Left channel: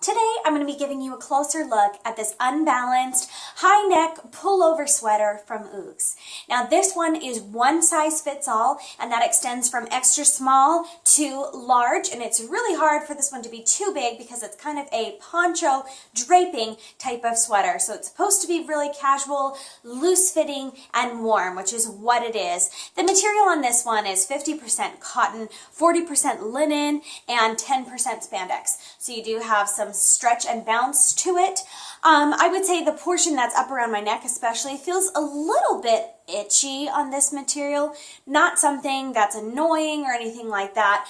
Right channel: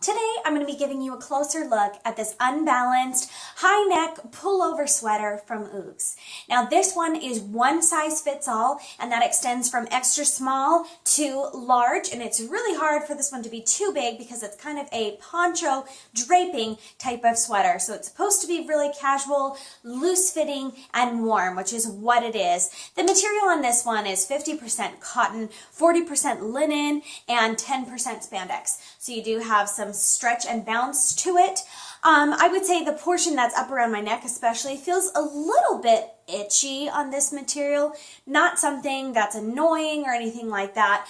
Today, I'm going to be giving you a closer look at this unbalanced high neck pullover sweater from OUGES. Now, this one is one size fits all, and that extends from extra small to large, and it's really hard for this one to be too big because it's kind of a poncho draping type of sweater. So it's supposed to be really casual, loose fitting, and warm, which is what it is. The material on this one is 50% cotton, 40% linen, and 10% spandex. So you do have some stretch and bounce to it. I would say the portion that's up around my neck especially feels a little bit itchy on this material. Not something that's annoying or anything like that.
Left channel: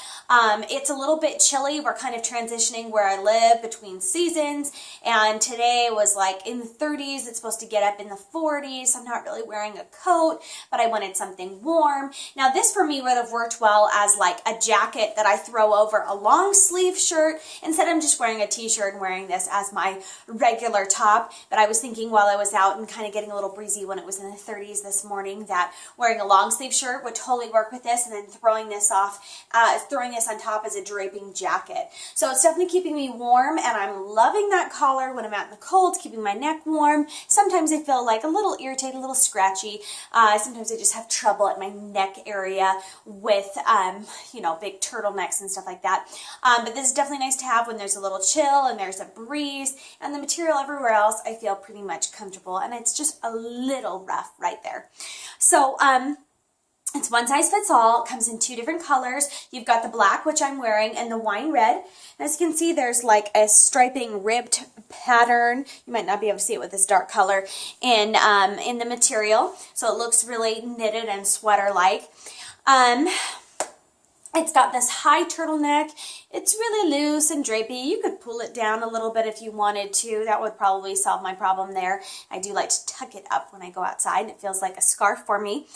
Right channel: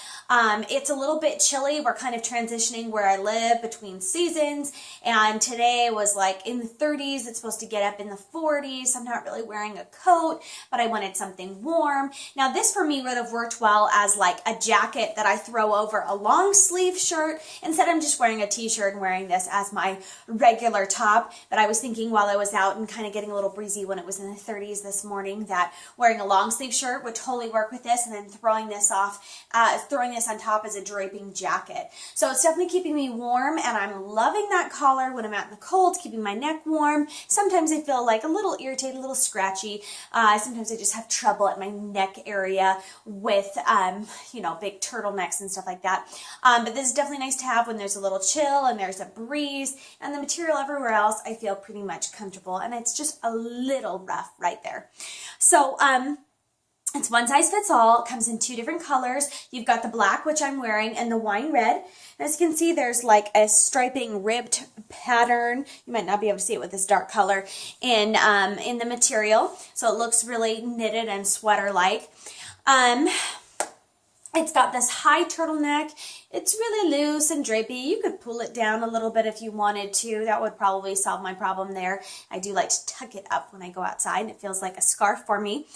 It's a little bit chilly. We're kind of transitioning where I live between seasons, and today was like in the 30s. It's supposed to get up in the 40s. I'm not really wearing a coat, but I wanted something warm. Now this for me would have worked well as like a jacket that I throw over a long sleeve shirt. Instead I'm just wearing a t-shirt and wearing this as my regular top. But I was thinking while I was out and kind of getting a little breezy when it was in the 30s this morning that wearing a long sleeve shirt would totally work with this, and then throwing this on top as a draping jacket. So it's definitely keeping me warm, and I'm loving that collar when I'm out in the cold, keeping my neck warm. Sometimes I feel like a little irritated, a little scratchy. Sometimes I just have trouble at my neck area with, big turtlenecks and stuff like that. But this is definitely nice to have when there's a little chill and there's a breeze, and the material everywhere else I feel pretty much comfortable, and it's just a little rough right there. So, it's one size fits all. It comes in two different colors. You've got the black, which I'm wearing, and the wine red. As you can see, there's like a striping ribbed pattern. You might not be able to see it with this dark color in the material. So it looks really knitted and sweater-like. It's got this high turtleneck. It's really loose and drapey. You could pull it down a little bit if you wanted to. That would probably solve my problem there. I do like to tuck it up when I go outside, and it feels like a scarf for me.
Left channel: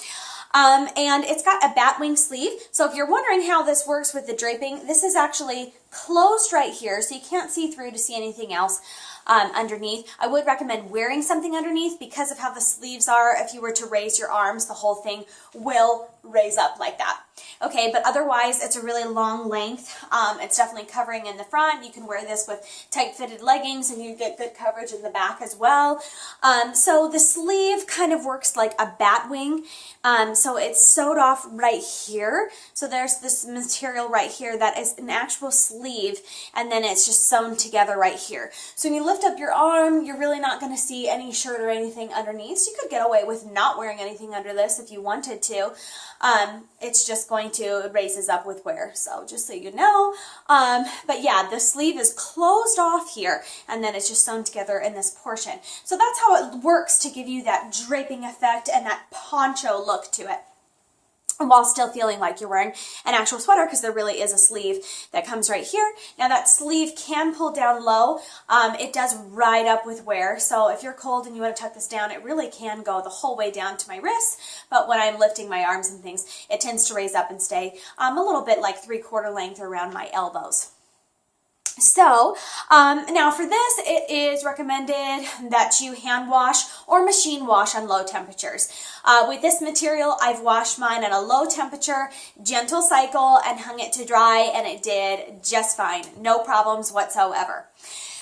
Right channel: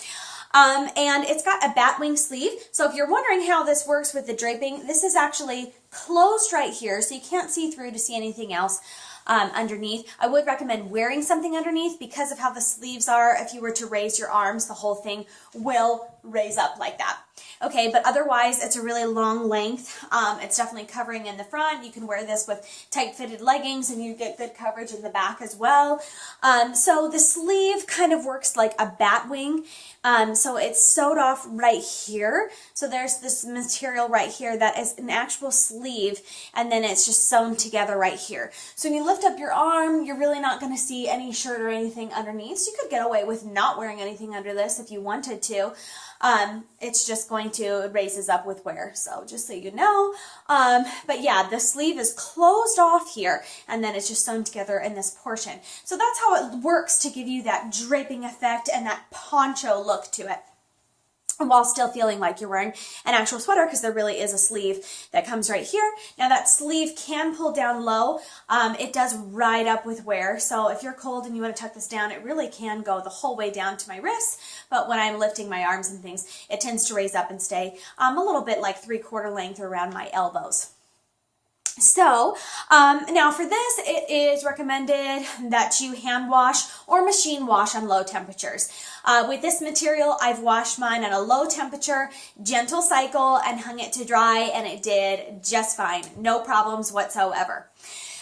And it's got a Batwing sleeve. So if you're wondering how this works with the draping, this is actually closed right here, so you can't see through to see anything else underneath. I would recommend wearing something underneath because of how the sleeves are. If you were to raise your arms, the whole thing will raise up like that. Okay, but otherwise, it's a really long length. It's definitely covering in the front. You can wear this with tight-fitted leggings, and you get good coverage in the back as well. So the sleeve kind of works like a Batwing. So it's sewed off right here. So there's this material right here that is an actual sleeve, and then it's just sewn together right here. So when you lift up your arm, you're really not going to see any shirt or anything underneath. So you could get away with not wearing anything under this if you wanted to. It's just going to, it raises up with wear, so just so you know. But yeah, the sleeve is closed off here, and then it's just sewn together in this portion. So that's how it works to give you that draping effect and that poncho look to it, while still feeling like you're wearing an actual sweater, because there really is a sleeve that comes right here. Now that sleeve can pull down low. It does ride up with wear, so if you're cold and you want to tuck this down, it really can go the whole way down to my wrists, but when I'm lifting my arms and things, it tends to raise up and stay a little bit like 3/4 length around my elbows. So, now for this, it is recommended that you hand wash or machine wash on low temperatures. With this material, I've washed mine at a low temperature, gentle cycle, and hung it to dry, and it did just fine. No problems whatsoever.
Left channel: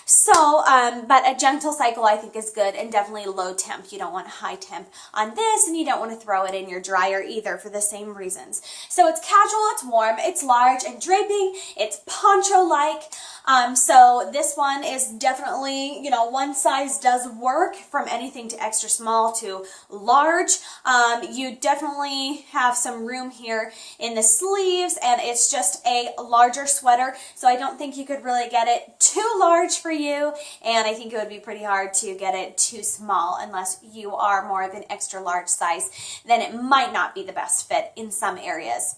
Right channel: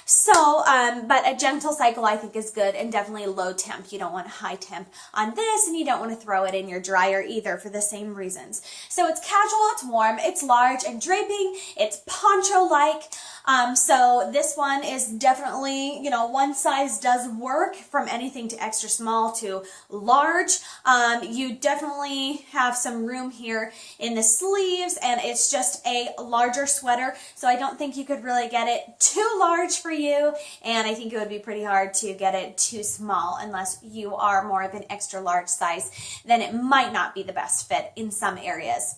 So, but a gentle cycle I think is good, and definitely low temp. You don't want high temp on this, and you don't want to throw it in your dryer either for the same reasons. So it's casual, it's warm, it's large and draping, it's poncho-like. So this one is definitely, one size does work, from anything to extra small to large. You definitely have some room here in the sleeves, and it's just a larger sweater, so I don't think you could really get it too large for you, and I think it would be pretty hard to get it too small unless you are more of an extra large size. Then it might not be the best fit in some areas.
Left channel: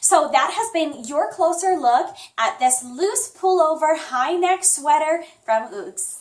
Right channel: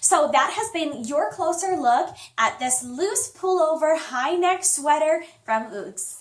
So that has been your closer look at this loose pullover high neck sweater from OUGES.